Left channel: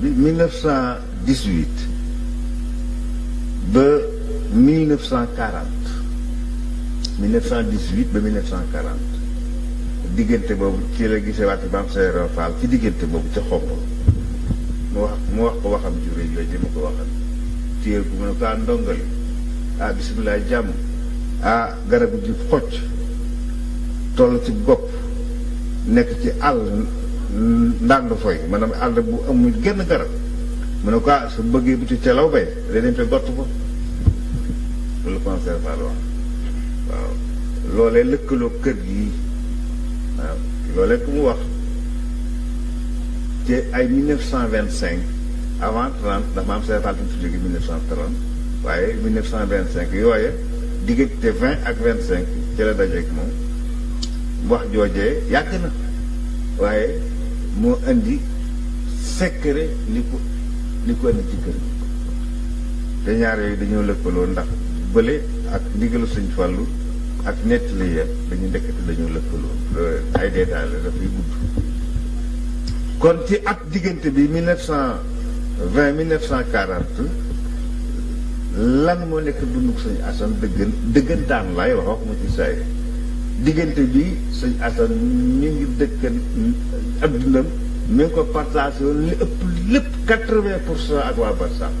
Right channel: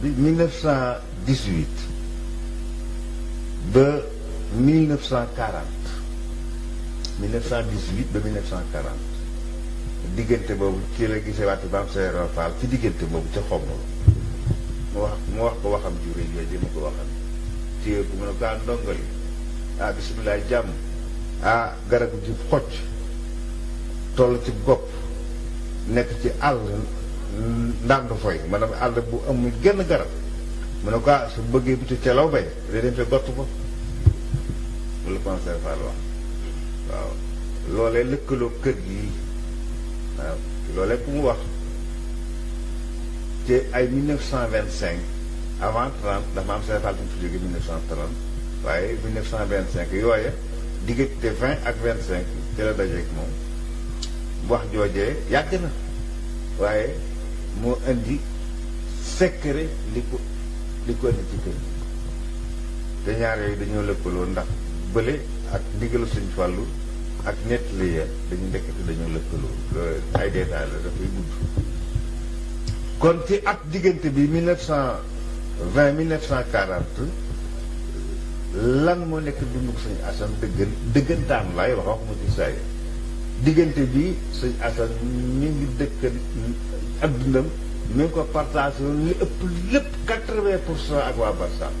1918 ba 1940 1918 ba 1940 diggante boobu ci la gisee waati Maam Seydou Fall ci diggante boobu ca Xombol mu wax ko waxam ci réew yooyu dama ko waxal téye bu mu ne ko ndongali bisimilah jàmm garabu ji xocc toll ci gopp nekk ci àll ndànd foy maanaam àll bu amul genn garab mu ne ko su bëggee biti ca law bay da dem fe gott ko loolu Maam Seydou Fall wax waaw loolee lëkkaloo kër gi waaw loolee ku mu wax te ay 1925 avant 30 ndax Maam Seydou Fall fi mu fi jóge 1930 waaye 1925 yooye diggante 20 ak 25 ci la dajeeg moom wax joojee yàgg na waaye moo indi secret li ko indi ci kër gi te ñaar yooyu dañoo lëkkaloo ndax bële ak ndigalu Sëñ Fallu ak nettali ya dañu ndekkati dañoo lëkkaloo ay détails la dafay gudd kon ci at diggante bi 1920 1940 lan moo nekk dundu Sëñ Asan dëggantaan laay wax ma ci saay diggante bi Sëñ Asan mi ngi dëkkan addunam mi ngi ko partagé woon li ëpp lépp 80% ak waa Barsàq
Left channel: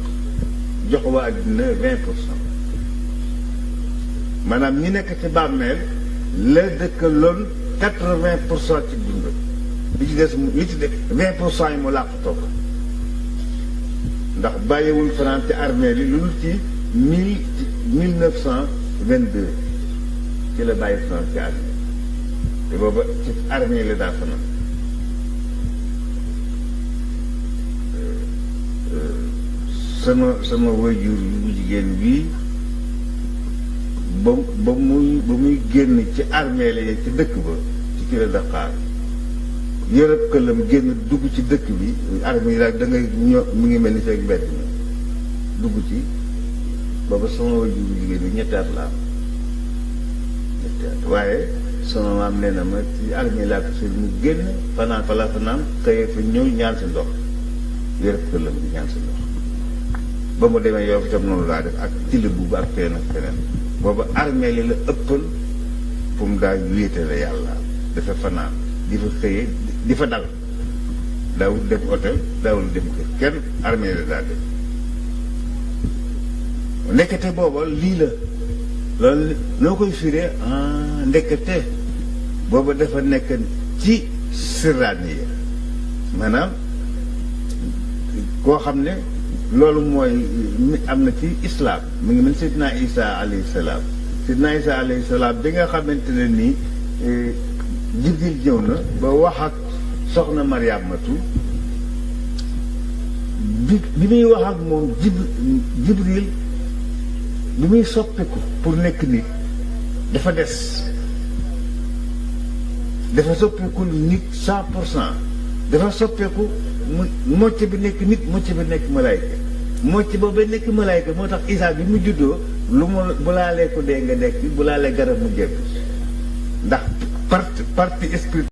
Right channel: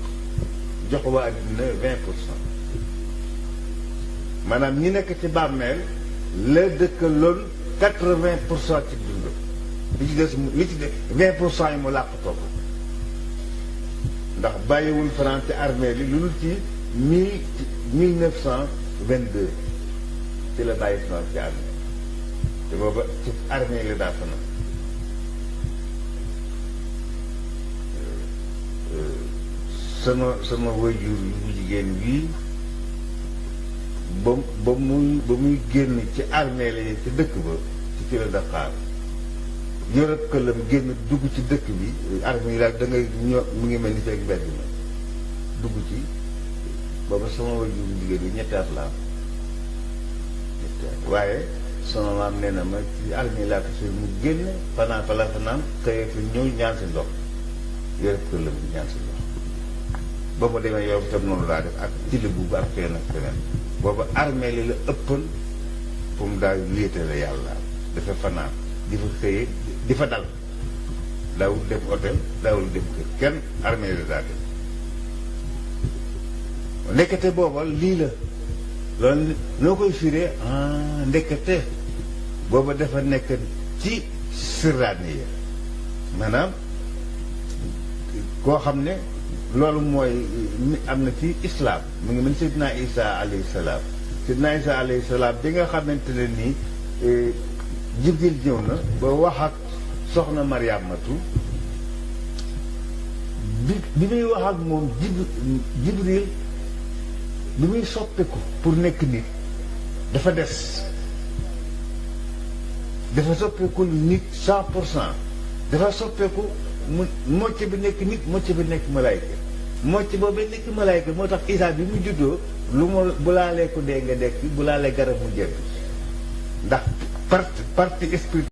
jox waa adduna 20%. maanaam ñi nekk ci bàmmeel la dëkkaloon 80% ci dundam li ci des li ci des 20% yi mu làqatoo ko ndax bàyyiwul fanaan ci armée li lu dul ci 1922 ci la bàyyi fanaan ci armée te booba ci armée la daa fanaan sama waajur bu jigéen bii ba muy génn ci armée la ci dëkk ba ci la Dakar yërëb këlam génn dugg ci dëkk bi armée yi daal da ngay mu ngi mel ni feeg mbedd mi dugg ci booba sama waajur bu jigéen bi ñetti at la am waaye sama maam nee na ma ci armée laa ko sur mu génn fanaan fa la fanaan xëyee fi ñëw ñaan si ndox yërëb këlam bi ñaan si ndox ba mu demee yow itam noonu laa def ak tili bu ak feneen ak feneen booba armée li la ëppal fu mu daal wéetale yàlla dafa fanaan di fa xëyee di fa dal daawul dem hôtel daawul dem kër kenn armée la daa dem ndekete booba lii la loolu noo koy firee ndekete booba dafa nekk ci siraan yi maanaam koo xam ne loolu mooy am na ci islam mu ngi mel Seydina Isa alayhi salaam Seydina Isa alayhi salaam bi nga xamante ne nii Jibril ñëw na ba wax ak soxna Mariamatu bi muy wax ak moom Jibril bi muy soppeeku pour nekk nit dafa des dafa soppeeku nit 100% dafa soppeeku mocc bi nekk nit mocc bi nekk malaayka mocc boobu nekk malaayka moo tax Isa bi mu juddoo lu ma bu laalee ko dee nga dekk bu laalee garab mu jekk ndax parti esprit